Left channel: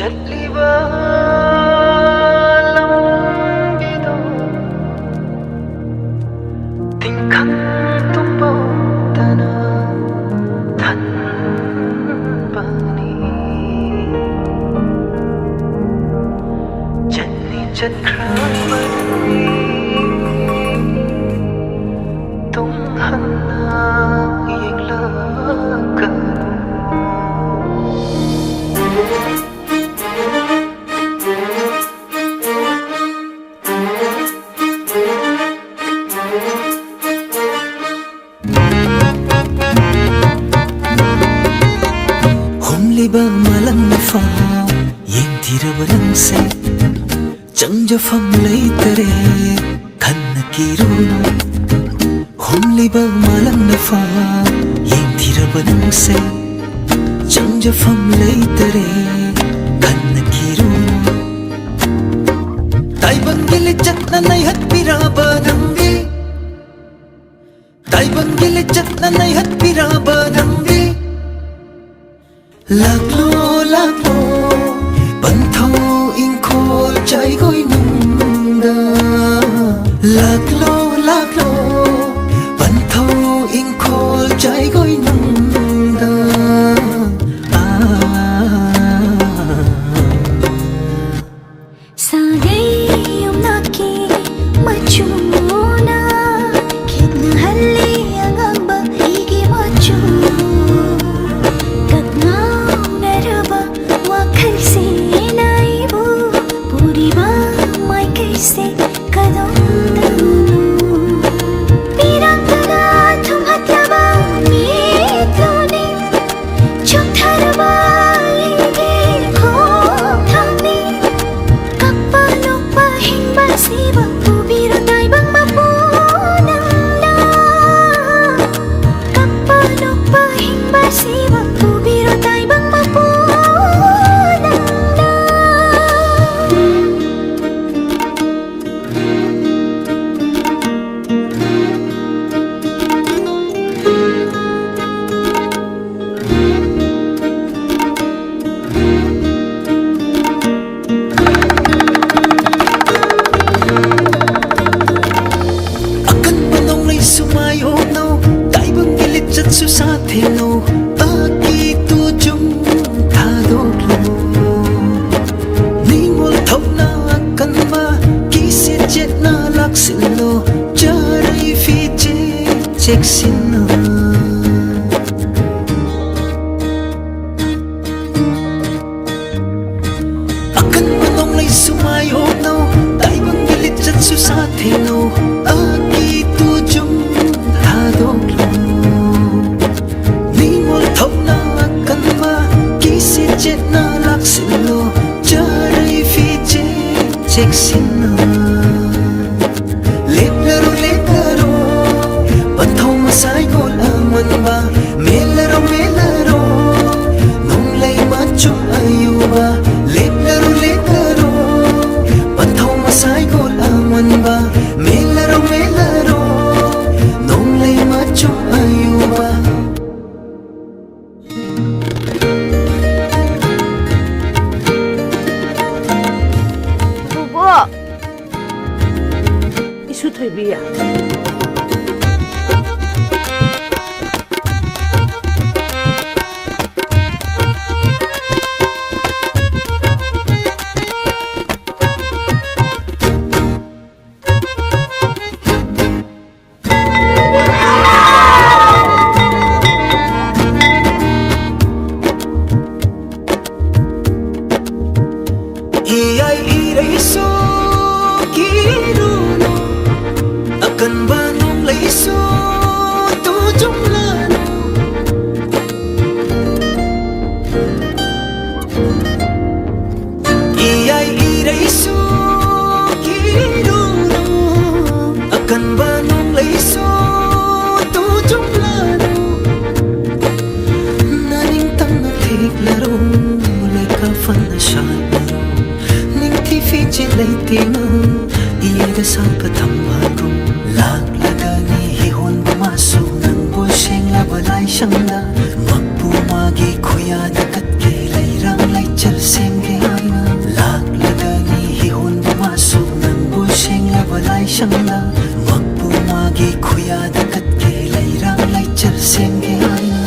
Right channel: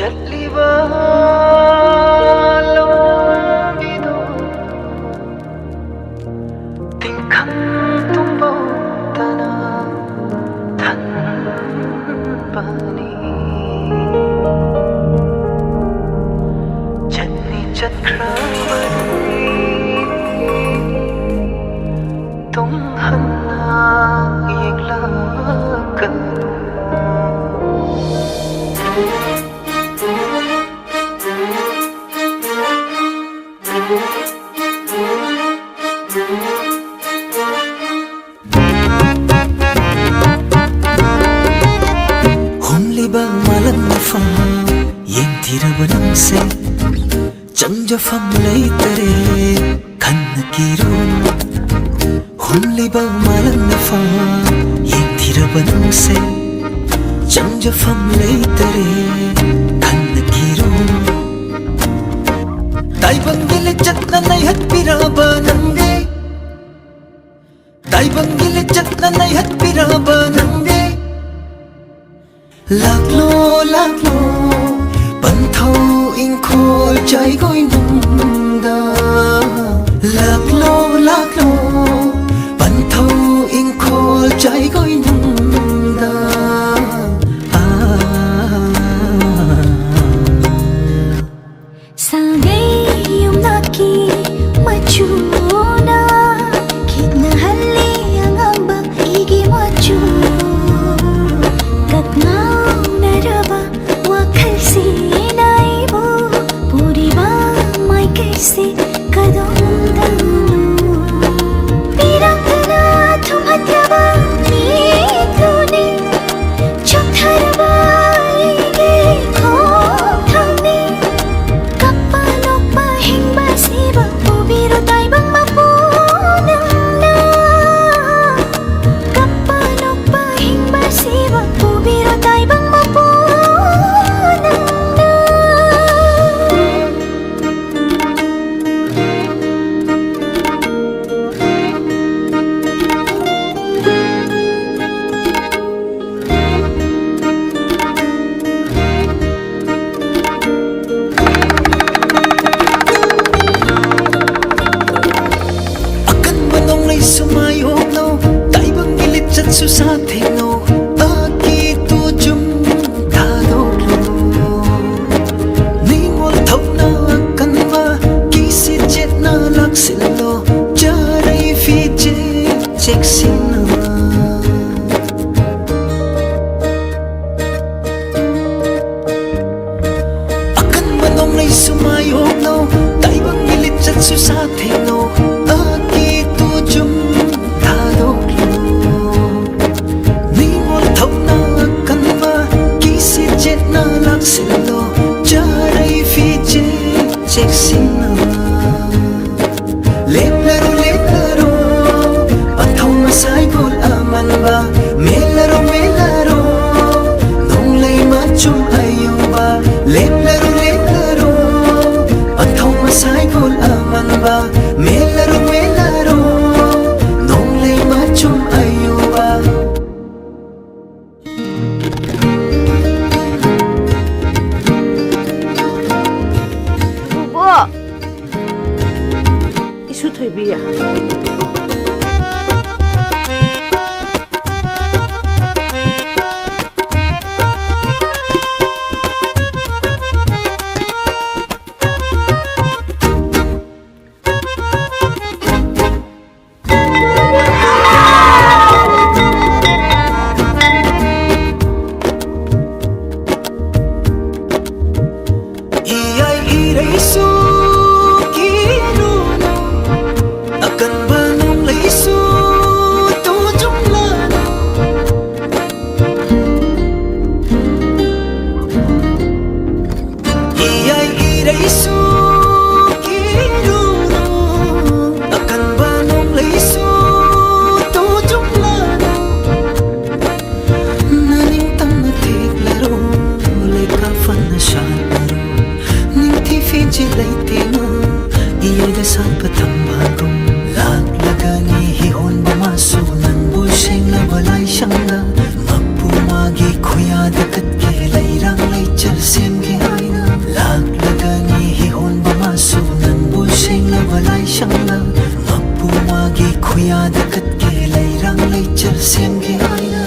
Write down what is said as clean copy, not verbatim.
CHATLIBA Lambi do tingkang tumbo tana than bani chatni chat khrabani tum hanna yengla kanu Liba malang na fa yeng thiraba nang se changja fam lai tare khan na kiruno hum liba malang na fa yeng thiraba nang se changja fam lai tare khan na kiruno tai bangile chatna nai hat piraba namge tai bangile chatna nai hat piraba namge Laklo laklo banthau ingkhol chai goi nungda Laklo laklo banthau ingkhol chai goi nungda Sagai yumnaki machuna kitna halli angang bak igi machu Katna naraba wakhal se naibu puriba mai kaise kadam danu pirangana thum hatlaba mitlune chotharaba ige khothamni kappa nokpa hingba siba pubiro daibang mapunangna kappa nokpa hingba siba pubiro daibang mapunangna akan manong lay sumayog no tai bang gilit chat su sa theng no aki tu chung tha dok lo ningol thau na kan ma ki se jet na lak sil lo charai fi je chek sin na akan manong lay sumayog no tai bang gilit chat su sa theng no aki tu chung tha dok lo ningol thau na kan ma ki se jet na lak sil lo charai fi je chek sin na leplaro panthau masai gol aman ba melaro nong lai ma chum ayuba leplaro panthau masai gol aman ba melaro nong lai ma chum ayuba Bubo isu thoibiya Iyay iraisu kiruno akan banong laisu tu jumlano Iyay iraisu kiruno akan banong laisu tu jumlano naning tang na thiklaro leka fan na shalaro fi je lai tinga iyay da sat patam bagum lag lagani hi hon ba masu nang bol sheng la balai shang da makpu magi khoya da kat ke leirang leichar semge aina laklagani hi honba masu nangbu senglabalai shangla makpu magi khuyada katke leirang leichar semge aina